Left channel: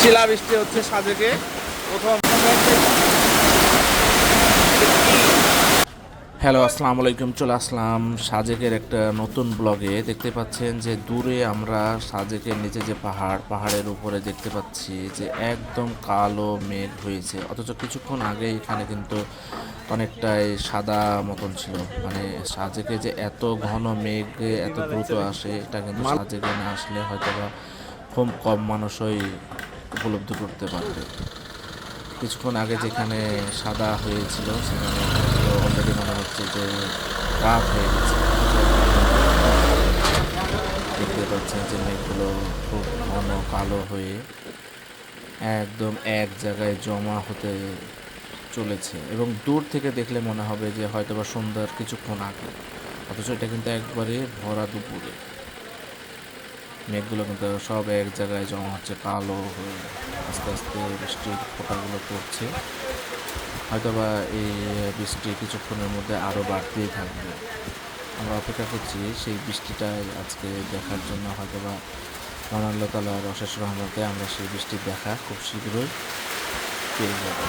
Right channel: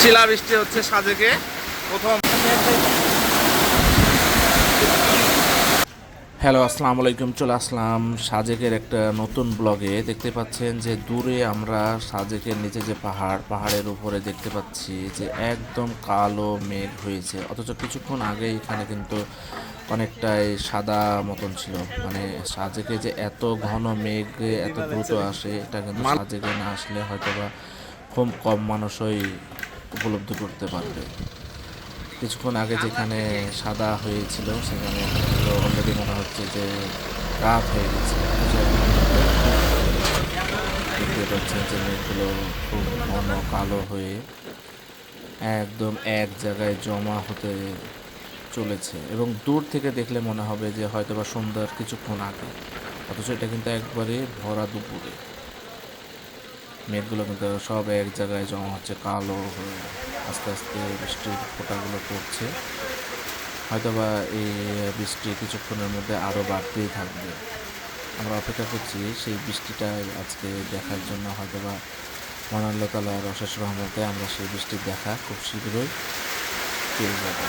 শিলাবৃষ্টি হচ্ছে সাজেকে প্রথম। হ্যালো, আসসালামু আলাইকুম। চলে আসলাম সাজেকের একটা নতুন ব্লগে। দেখতে পাচ্ছেন যে দূরে আমরা সাজেকের নিচে যে পাহাড়ের উপরে দেখতে পাচ্ছি যে একদম কালো মেঘ হয়েছে, অথচ কিছুক্ষণ আগে এখানে কিন্তু অনেকটাই সাদা মতন ছিল। মানে সাজেকে যে এত ঘন মেঘ এত দ্রুত আসে, এটা কিন্তু সাজেকে না আসলে হয়তো বা খুব কম মানুষই উপলব্ধি করতে পারবে। কিছুক্ষণ আগে যেখানে সাদা হয়েছিল সেখানে তো অলরেডি মনে হচ্ছে যে রাত হয়ে গেছে। দেখতে পাচ্ছেন যে মেঘগুলো খুব ঘন কালো হয়ে একদম এক জায়গায় জমা হতে চলেছে, এবং দূর থেকে দেখলে মনে হবে যে হয়তো বা সন্ধ্যার কিছুক্ষণ আগে, অথচ এটা কিন্তু একবারে ভরা দুপুরে। মেঘগুলো কিন্তু সব এক জায়গায় জমা হচ্ছে কালো হয়ে, আস্তে আস্তে বৃষ্টির ফোঁটাগুলো পড়ছে। হয়তোবা এই বৃষ্টি কিছুক্ষণের মধ্যে আরও বাড়তেই থাকবে। আমরা অপেক্ষা করছি সেই বৃষ্টিটা আজকে দেখার জন্য। হয়তোবা মহান আল্লাহ তাআলার অশেষ রহমতে আমরা সেই বৃষ্টির দেখা খুব শীঘ্রই পেয়ে যাব।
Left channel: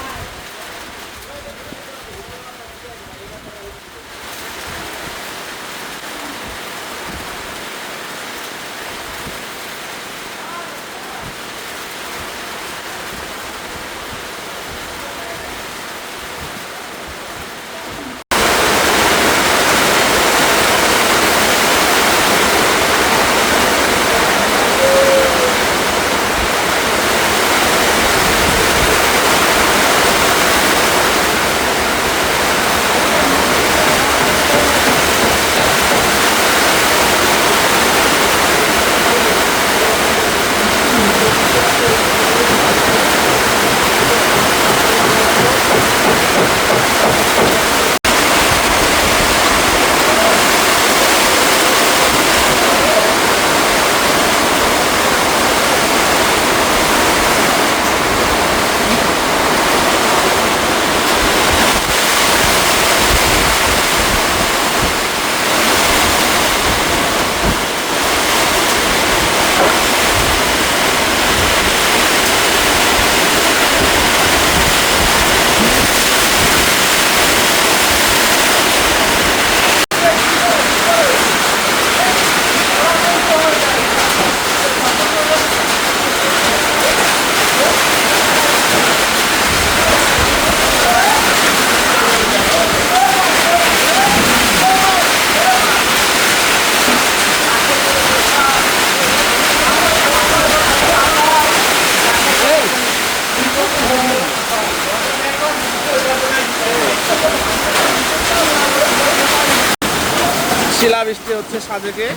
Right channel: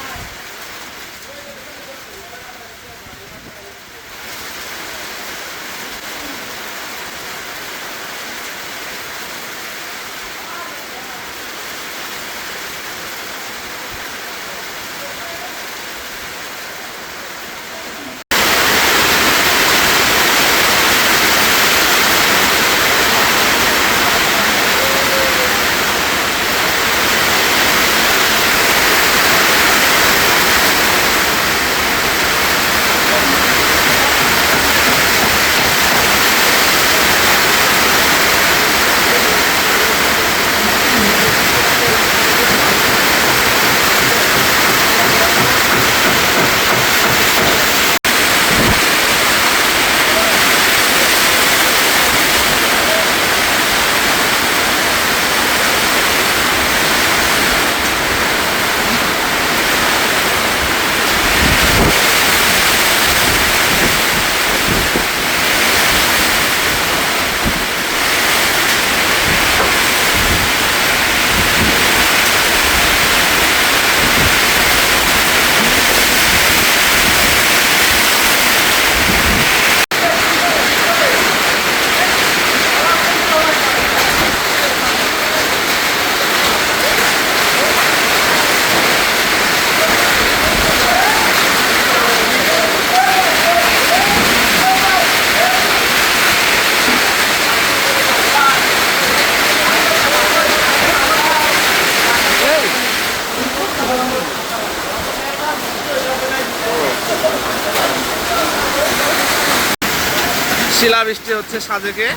শিলাবৃষ্টি হচ্ছে সাজেকে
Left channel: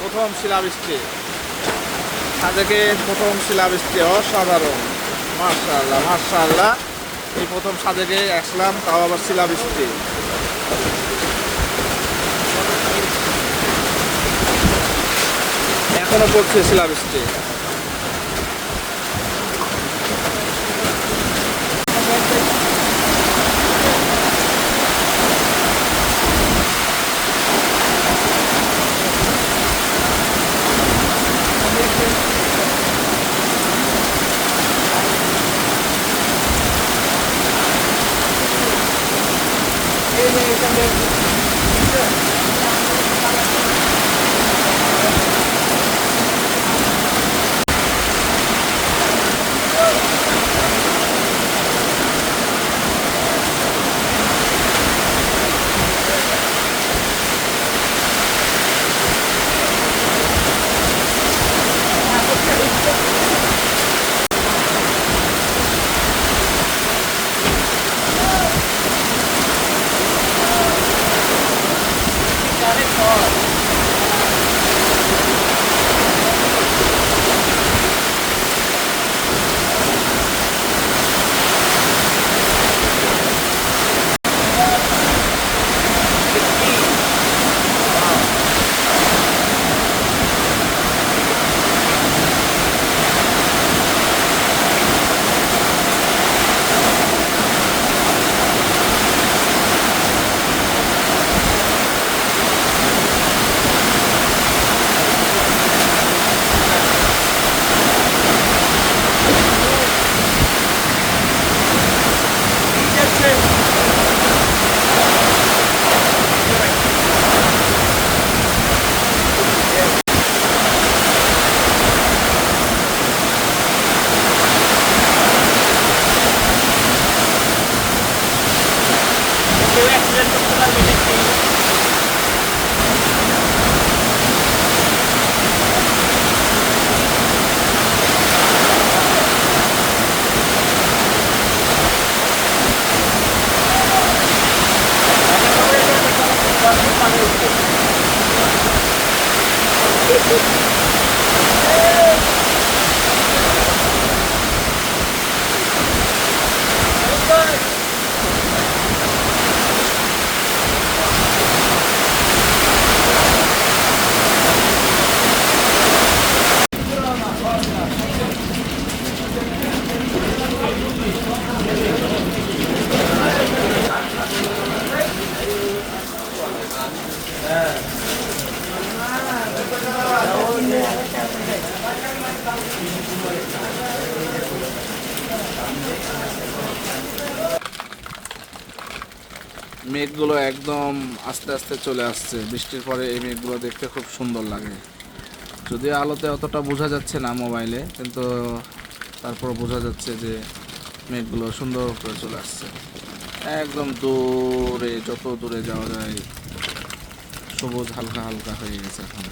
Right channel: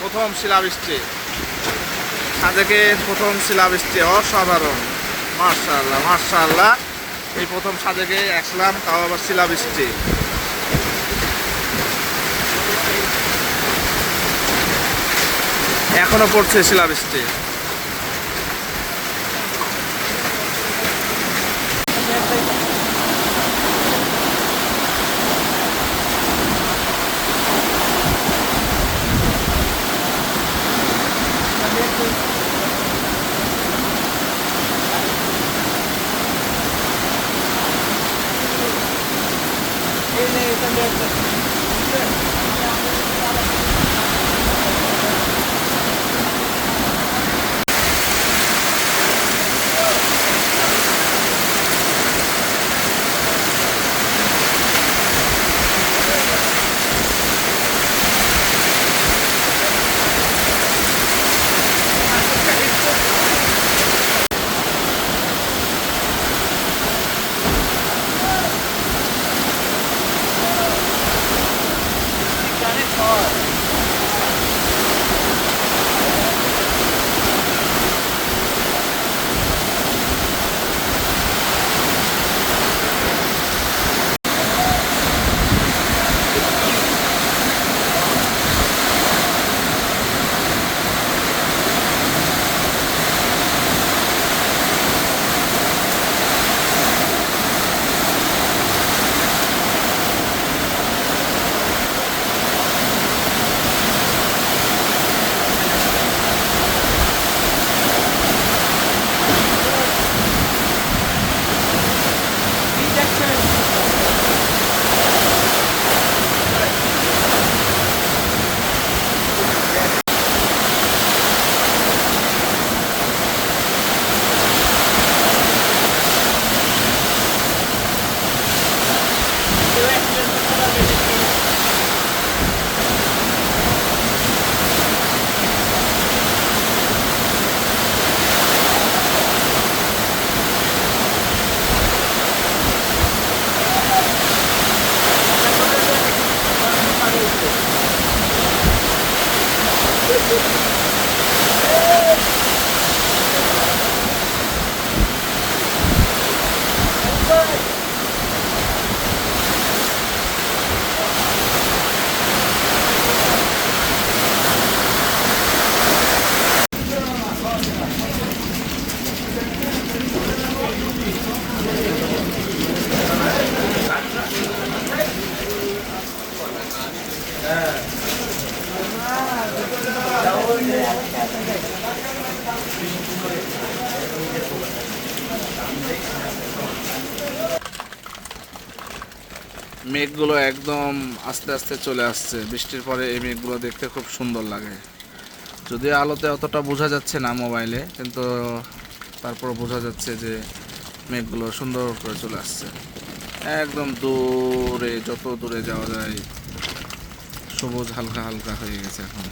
প্রথম শিলাবৃষ্টি। সাজেকে প্রথম শিলাবৃষ্টি অসাধারণ। মাশাআল্লাহ মাশাআল্লাহ, এই প্রথম সাজেকে আসলাম, তাও আবার শিলাবৃষ্টি। এখনো পড়ছে শিলাবৃষ্টি। মেঘগুলো একদম আস্তে আস্তে চলে আসছে। বৃষ্টির পরে এই মেঘগুলো দেখতে খুব সুন্দর লাগে। যদিও আলোতে অতটা বোঝা যাচ্ছে না মোবাইলে, কিন্তু তারপর বোঝা যাচ্ছে যে মেঘগুলো সুন্দর করে চলে আসছে। একদম দূরে, যত দূরে যাওয়া যায় সবুজ হালকা হালকা হয়ে গেছে এখন।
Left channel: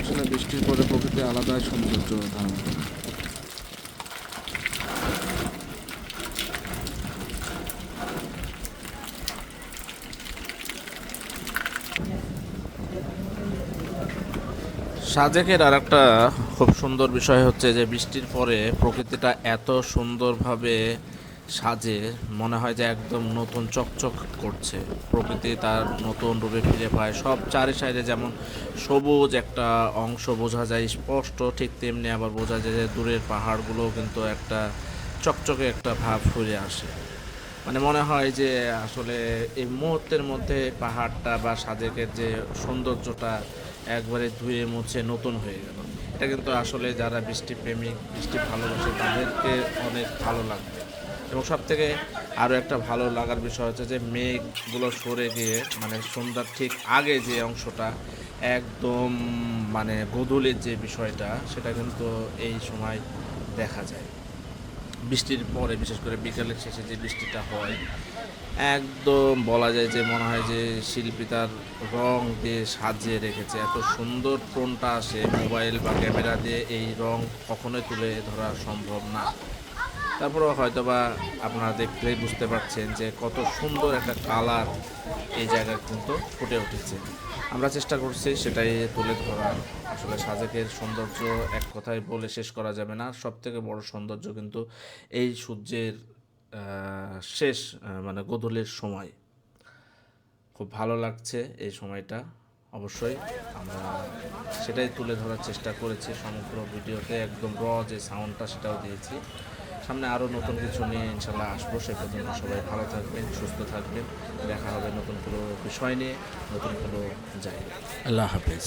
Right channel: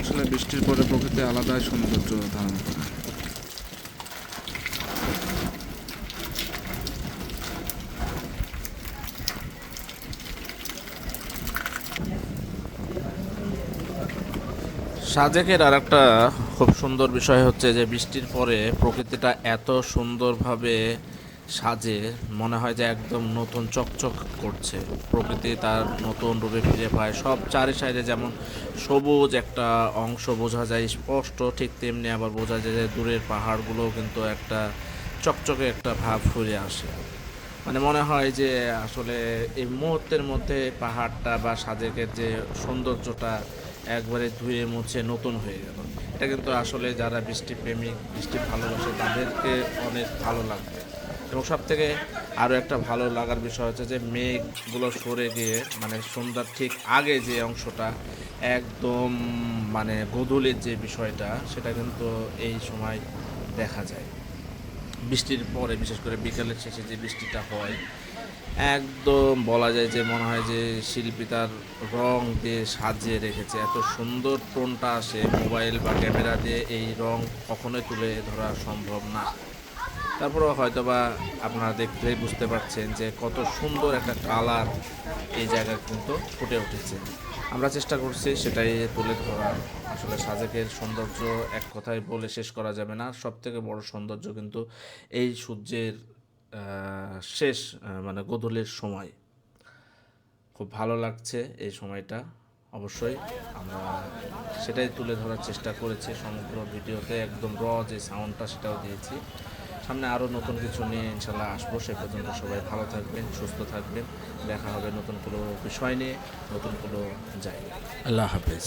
আসলে বৃষ্টির পরে প্রকৃতি আলাদাই সৌন্দর্য ধারণ করে। সাজেকের আর একটা খুব সুন্দর বিষয় হচ্ছে যে বৃষ্টির পরে প্রকৃতিটা এত সুন্দরভাবে সাজে, মনে হয় যে একদম নতুন চকচক করছে। প্রকৃতি তার নতুন রূপে ফিরে পায়। সব চারি সাইডে যেমন সবুজ একটা অংশ বোঝা যায় স্পষ্ট, ঠিক তেমনি আবার বোঝা যায় যে দূরের পাহাড়গুলোও কিন্তু একটা চকচকে একটা ভাব ফিরে আসে। মানে মনে হয় যে আসলে এই মুহূর্তের মধ্যে পাহাড়টা বা সাজেকের যে সৌন্দর্যটা একবারে ধুয়ে মুছে নতুন হয়ে গেল। এটা কিন্তু আসলে যারা বৃষ্টি প্রেমিক, বৃষ্টি ভালোবাসে তাদেরকে অনেক ভালো লাগবে। এবং সব থেকে আরও একটা ভালো লাগার বিষয় হচ্ছে যে মেঘগুলো সরে গিয়ে মানে সন্ধ্যার ঠিক আগে যে অংশটা একদম মানে গোধূলির যে বিষয়টা, সেটা কিন্তু এই সময় দেখা যায়। বৃষ্টির পরে বিশেষ করে বিকেলের শেষে যে বৃষ্টিটা হয়, একদম বলা যায় যে মনে হয় যে শিল্পী তার রং দিয়ে সাজিয়ে রেখেছে। এত সুন্দর টোনটা আসে, মোবাইল বা ক্যামেরা দিয়ে এই রং কখনোই তুলে ধরা সম্ভব না। তারপরেও হয়তোবা আপনারা দেখলেই বুঝতে পারছেন যে কত সুন্দর একটা কালার এই জায়গায় কিন্তু ফুটে উঠেছে। আমরা চেষ্টা করছি সেটাই তুলে ধরার। আসলে সাজেকের সৌন্দর্য এক কথায় বলে শেষ করা যাবে না। সবথেকে বড় সৌন্দর্য কিন্তু এই সূর্যের শেষ মানে গোধূলির সময়। খুব ভালো লাগছে এই সময়টা। অবশ্যই আমরা সেটাই তুলে ধরার চেষ্টা করেছি সমগ্র ভিডিওতে। একদম যে সাউন্ডটা সেটাও দিয়েছি। সামনে আরও নতুন কিছু নিয়ে ইনশাল্লাহ আসবো। সে পর্যন্ত সবাই ভালো থাকবেন, সুস্থ থাকবেন। দেখা হবে নতুন কোনো বিষয় নিয়ে, নতুন কোনো জায়গায়। আল্লাহ হাফেজ।